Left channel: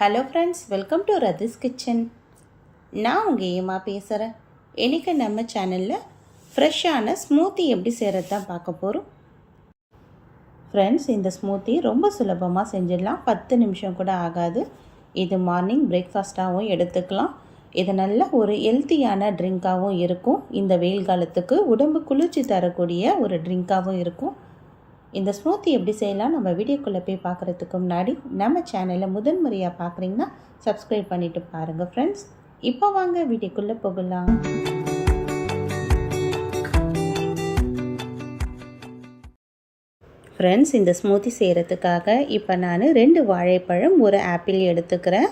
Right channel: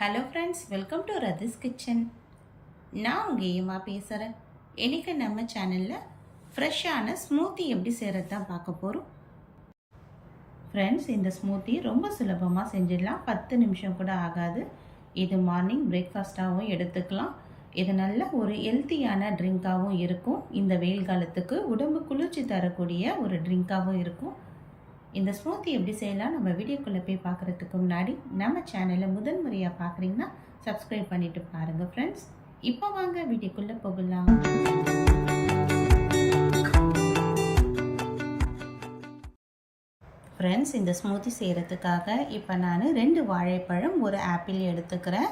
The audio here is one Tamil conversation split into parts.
Hello friends welcome to Rathi's kitchen நான் உங்கள் ஏமா பேசுகிறேன் இன்றைக்கி நம்ம சேனலில் ஃப்ரெஷ்ஷான ஸ்மூத்தி எப்படி செய்கிறது தான் பார்க்க போகிறோம் ஃப்ரெண்ட்ஸ் இந்த ஸ்மூத்தி ரொம்ப சுலபமாக செஞ்சிடலாம். பத்து நிமிஷம் கூட ஆகாது. இது மார்னிங் பிரேக்ஃபாஸ்ட்டாகவும் எடுத்துக்கலாம். இது நல்ல ஒரு ஹெல்த்தியான ட்ரிங்காகவும் இருக்கும். இந்த வெயில் காலத்துக்கு உடம்பு குளிர்ச்சி தரக்கூடிய ஒரு ட்ரிங்காகவும் இருக்கும். இந்த ஸ்மூத்தி எப்படி செய்யலாம் நம்ம வீடியோக்குள்ளே போய் பார்க்குறதுக்கு முன்னாடி நம்ம சேனலை முதன் முறையாக பார்க்குறீங்கன்னா சப்ஸ்கிரைப் பண்ணிவிட்டு பாருங்கள் ஃப்ரெண்ட்ஸ் இப்போ வாங்க வீடியோக்குள்ளே போகலாம். ஃப்ரெண்ட்ஸ் இந்த ஸ்மூத்தி செய்கிறதுக்காக இப்போ நான் ரெண்டு வாழைப்பழம் ஒரு ஆப்பிள் எடுத்துக்கிறேன்.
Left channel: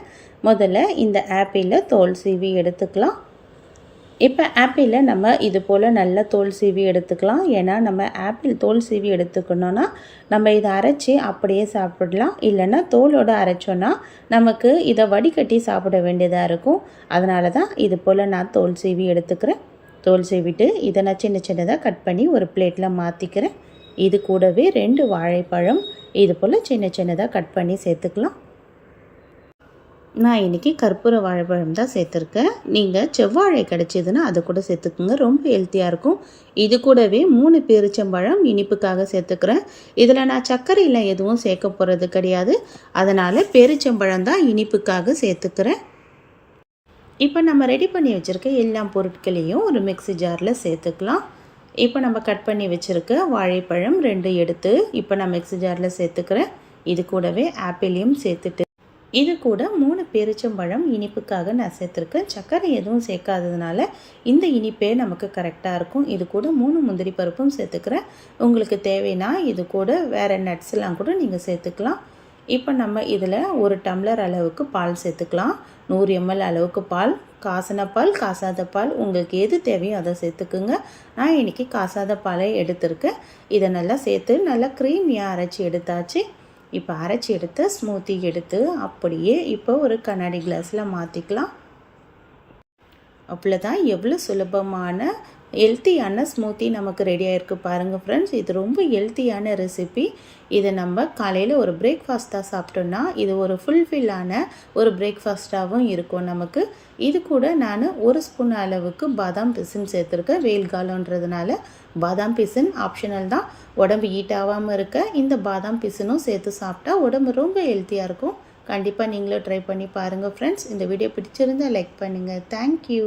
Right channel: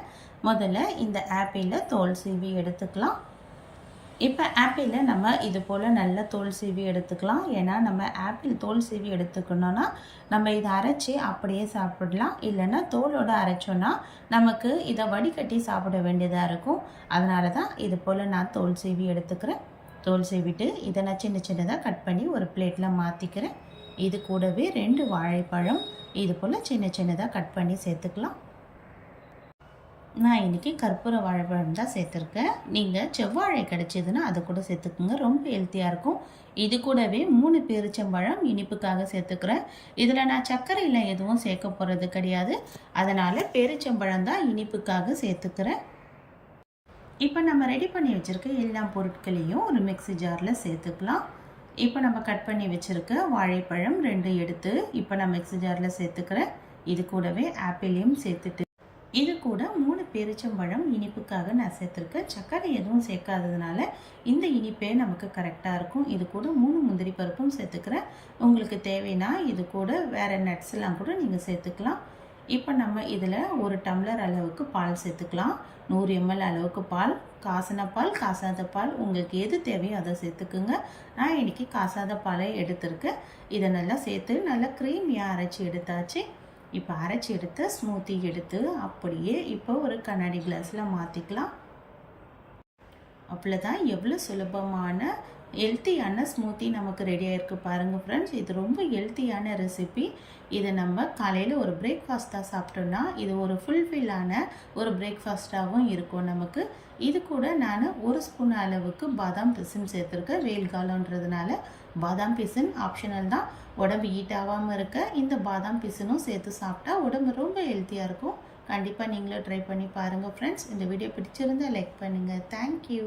முதல்ல இந்த ஆப்பிளில் தோல் சீவி எடுத்துக்கலாம். இப்போ ஆப்பிளில் நம்ம இது போல் நல்ல தோல் சீவி எடுத்துக்கலாம். ஏன்னா நம்ம ஆப்பிள் தோல் சீவி எடுத்துக்கணுன்னா நம்ம இதை அரைச்சி அப்படியே சாப்பிடலாம். இல்லைன்னா தோலோடு அரைச்சோன்னா நமக்கு இதை வடிகட்டி சாப்பிட வேண்டியதாக இருக்கும். அதனால தான் இது போல் நான் தோல் சீவி எடுத்துக்கிறேன். தோல் சீவிட்டு இதை நான் சின்ன சின்னதாக கட் பண்ணி ஒரு பிளேட்டில் மாற்றிக்கிறேன் இது கூடவே ரெண்டு வாழைப்பழம் இது போல் சின்ன சின்னதாக கட் பண்ணி சேர்த்துக்கலாம். நான் இன்றைக்கி கற்பூர வாழைப்பழம் தான் சேர்த்துருக்கேன். நீங்கள் செவ்வாழை கிடச்சிதுன்னா அதை கூட சேர்த்துக்குங்க. ரொம்ப ஹெல்த்தியாக இருக்கும். இது கூடவே மூணு பேரிச்சம்பழம் இனிப்புக்காக சேர்த்துக்கிறேன். இதில் நான் சர்க்கரையில் எதுவும் சேர்க்க போகிறது கிடையாது. அதனால் பேரிச்சம்பழம் தான் இனிப்புக்காக சேர்த்துக்கிறேன். இப்போ நம்ம ரெடி பண்ணி வச்சுருக்க எல்லா பொருட்களையும் ஒரு மிக்சி ஜாரில் சேர்த்துக்கலாம். இப்போ நம்ம கட் பண்ணி வச்சுருக்க வாழைப்பழம் ரெண்டு எடுத்து இப்போ நான் மிக்சி ஜாரில் சேர்த்துக்கிறேன். இது கூடவே ஆப்பிளையும் சேர்த்துட்டு இது கூட மூணு பேரிச்சம்பழம் இனிப்புக்காக நான் சேர்த்துருக்கேன். சர்க்கரை எதுவும் சேர்க்காததுனால இந்த இனிப்பே நமக்கு கரெக்டாக இருக்கும். இது கூட மூணு முந்திரி பருப்பும் சேர்த்துக்கிறேன். உங்களுக்கு தேவைன்னா இது கூட வேறு நட்ஸ்லாம் கூட நீங்கள் சேர்த்துக்கலாம். இப்போ நம்ம இதில் ஒரு டம்ளர் அளவுக்கு பால் சேர்த்துக்கலாம். நூறு எம்எல் அளவுக்கு பால் காசன பால் காசாத பால். உங்களுக்கு எது தேவையோ அதை சேர்த்துக்குங்க. நான் இன்றைக்கி காசாத பாலை எடுத்திருக்கேன். இதை நல்லா சேர்த்து நல்லா க்ரீமியாக அரைச்சி எடுத்தாச்சு. இப்போ அரைச்சி எடுத்து ஸ்மூத்தி எடுத்து அப்படியே இப்போ ஒரு கண்ணாடி கிளாஸில் மாற்றிக்கலாம் அவ்வளோதான் எவ்வளோ சுலபமான ஹெல்த்தியான ஸ்மூத்தி நமக்கு ரெடியாகிருக்கு பாருங்கள் ஃப்ரெண்ட்ஸ் இது ரொம்ப ஹெல்த்தியான ரெசிபி இதை நம்ம காலையில் ஒரு பிரேக்ஃபாஸ்ட்டாக சாப்பிட்டோன்னா இது ஒரு ஃபுல்ஃபில்லான ஒரு பிரேக்ஃபாஸ்ட்டாகவும் இருக்கும் நமக்கு. இது கூட நான் ஒரு ஸ்பூன் அளவுக்கு பாதாம் பிசின் சேர்த்துருக்கேன் வெயில் காலன்றதுனால பாதாம் பிசின் ஆப்ஷனல் தான். உடம்பு ஹீட் ஆகாமல் இருக்க இந்த பாதாம் பிசினும் சேர்த்து சாப்பிட்டா உடம்பு ரொம்ப ஹெல்த்தியாக இருக்கும். கண்டிப்பாக நீங்களும் ட்ரை பண்ணி பாருங்கள் ஃப்ரெண்ட்ஸ் இந்த வீடியோ பிடிச்சிருந்தால் லைக் பண்ணுங்கள் தேங்க்யூ